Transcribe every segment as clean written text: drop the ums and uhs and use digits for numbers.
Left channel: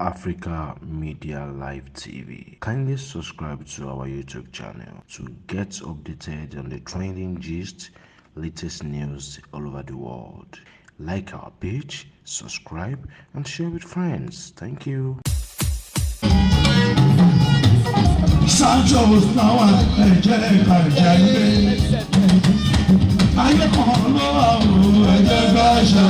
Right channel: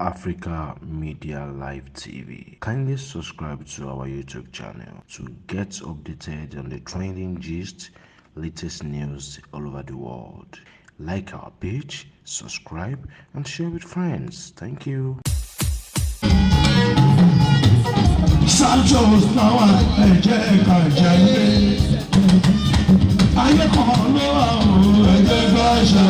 Africa Media Live TV. Kindly subscribe to our YouTube channel to get updated on the trending gist, latest news all over the world. Like our page, subscribe, and share with friends. Thank you. Santos náwà ẹ̀jẹ̀ kàjáyé. Ayé kan ló wà ó ẹ̀jẹ̀ gbàṣà.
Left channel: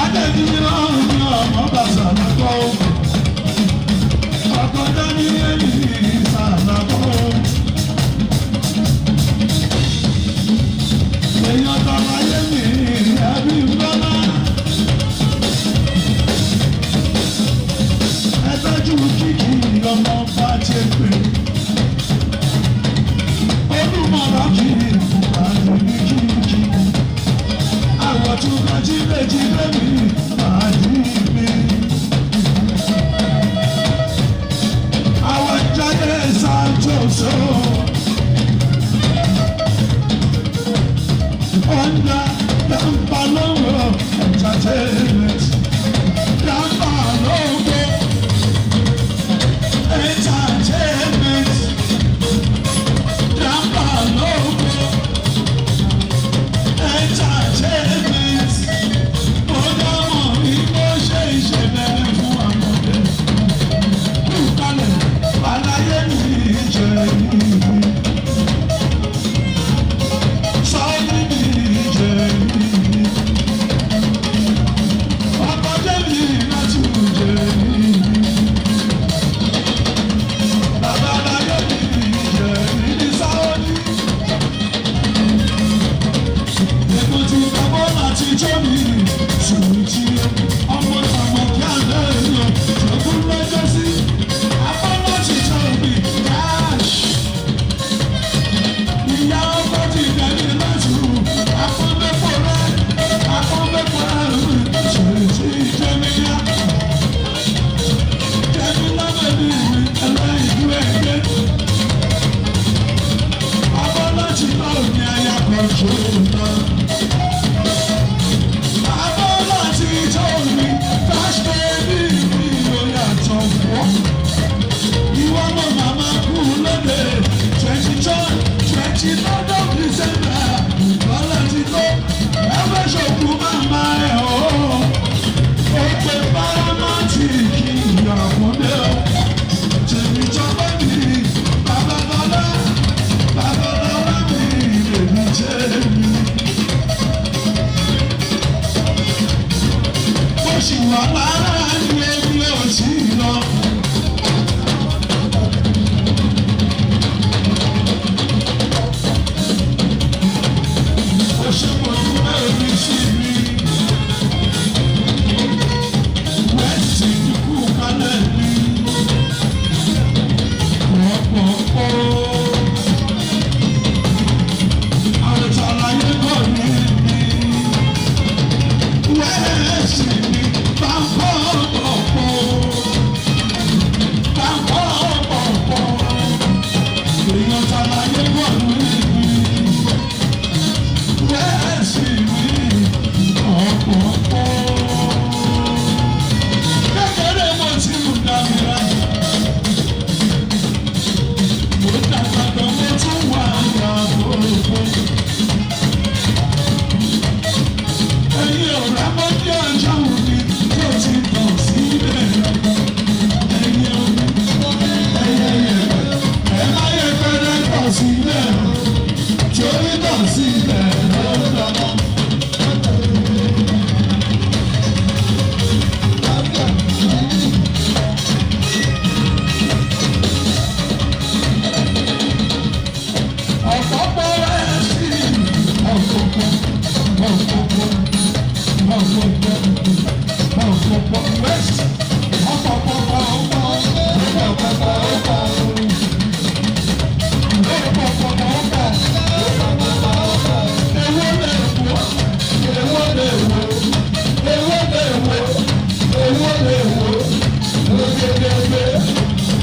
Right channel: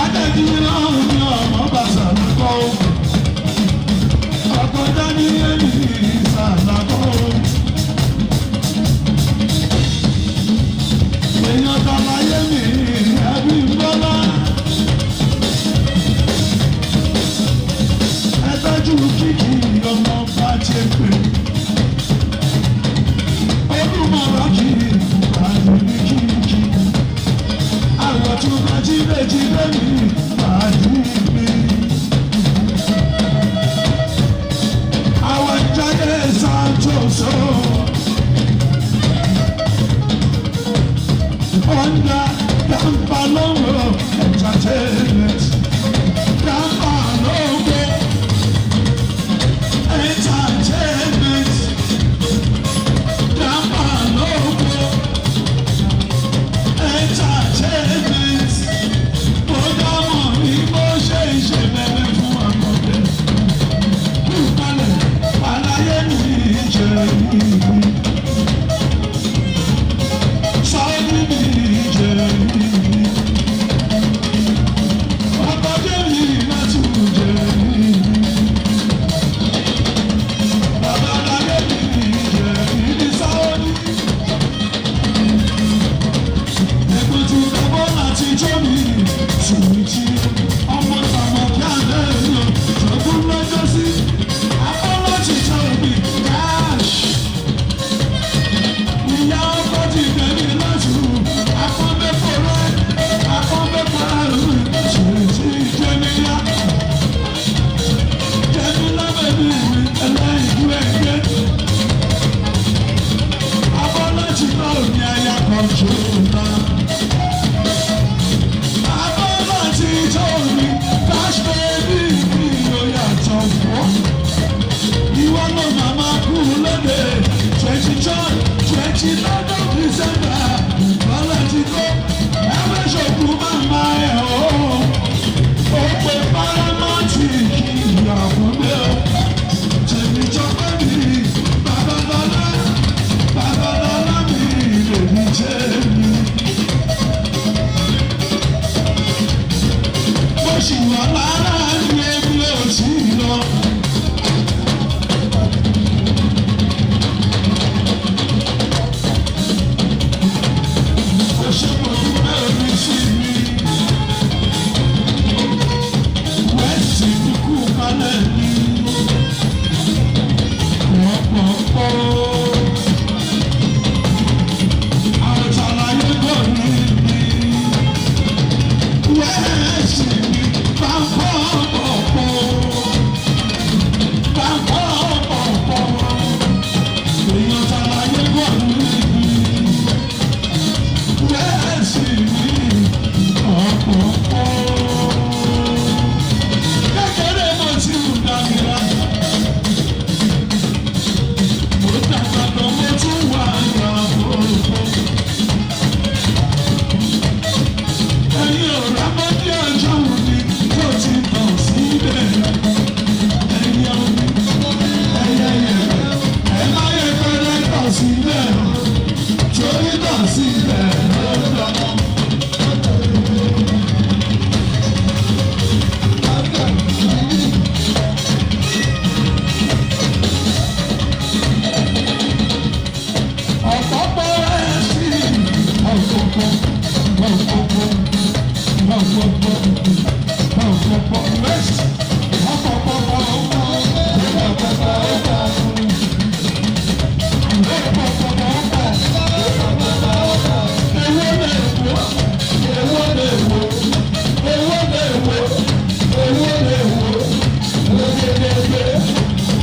Adébíyí lọ́rùn ní ọmọ bàṣà lọ́kọ́. Ọkọ̀ dání ẹ̀mí ìsàlàkọ́. Èèyàn tọ́lá yé mi ẹbí bọ́lá. Ẹ tọ́jú kíkì ọmọ bá ti pè. Olúmọ̀ràn kì í pàdé ní kíkì. Àwọ̀ tún bá jí méjì lẹ́mí pàdé mi. Àwọn jáde Santos o. Under Campalogo Entertainment. Campalogo Entertainment. Campalogo Entertainment. Bóyá mọ̀ ní bó ṣe ìṣẹ̀lẹ̀ fún àmọ̀dé. Kúkalẹ̀ aláyé ní ìjẹ̀yìn.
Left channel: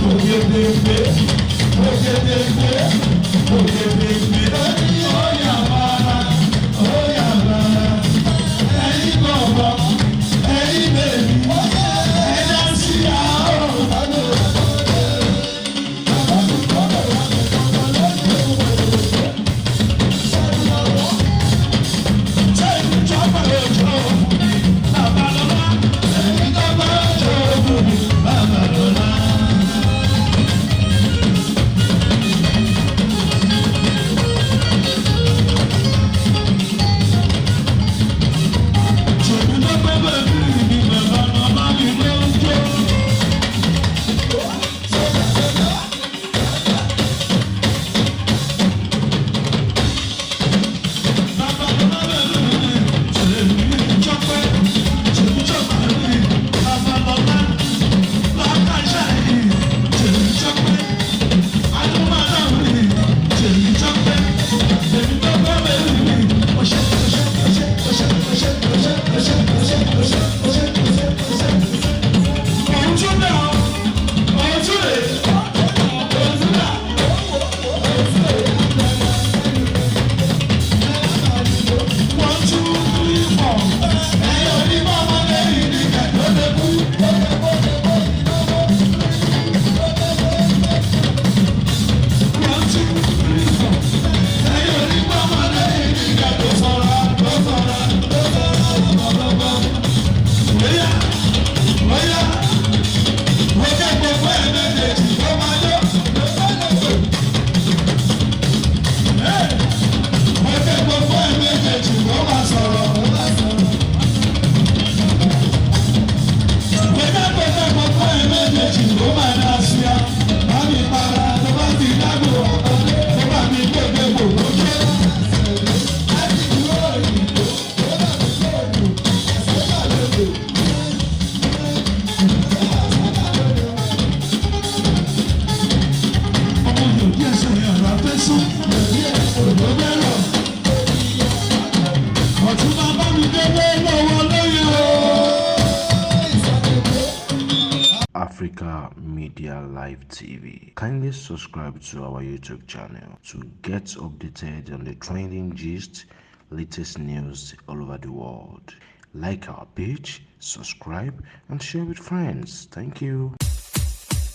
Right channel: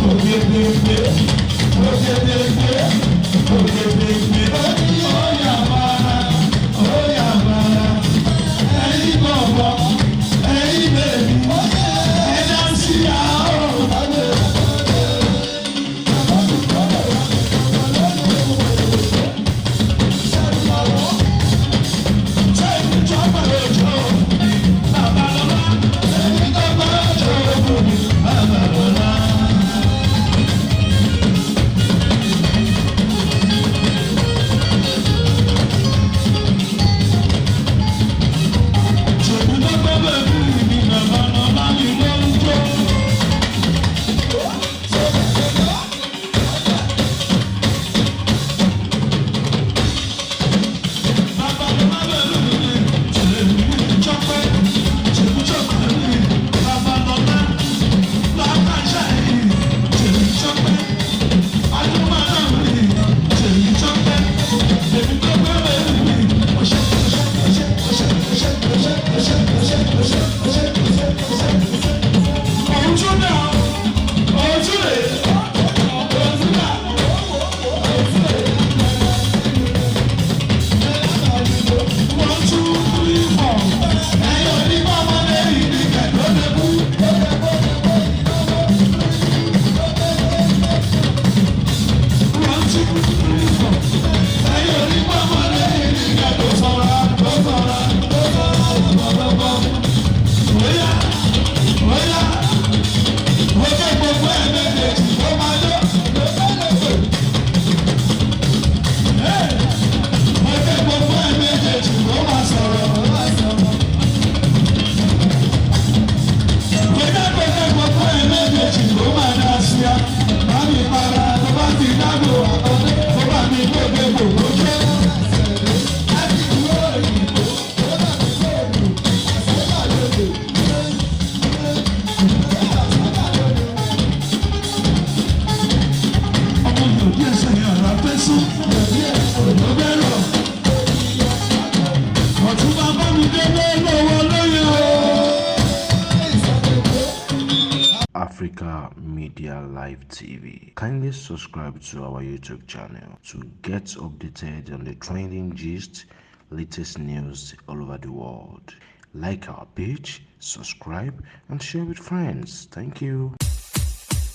Ogedegbe, ogedegbe, ogedegbe. Africa Media Live TV. Kindly subscribe to our YouTube channel to get updated on the trending gist, latest news all over the world. Like our page, subscribe, and share with friends. Thank you.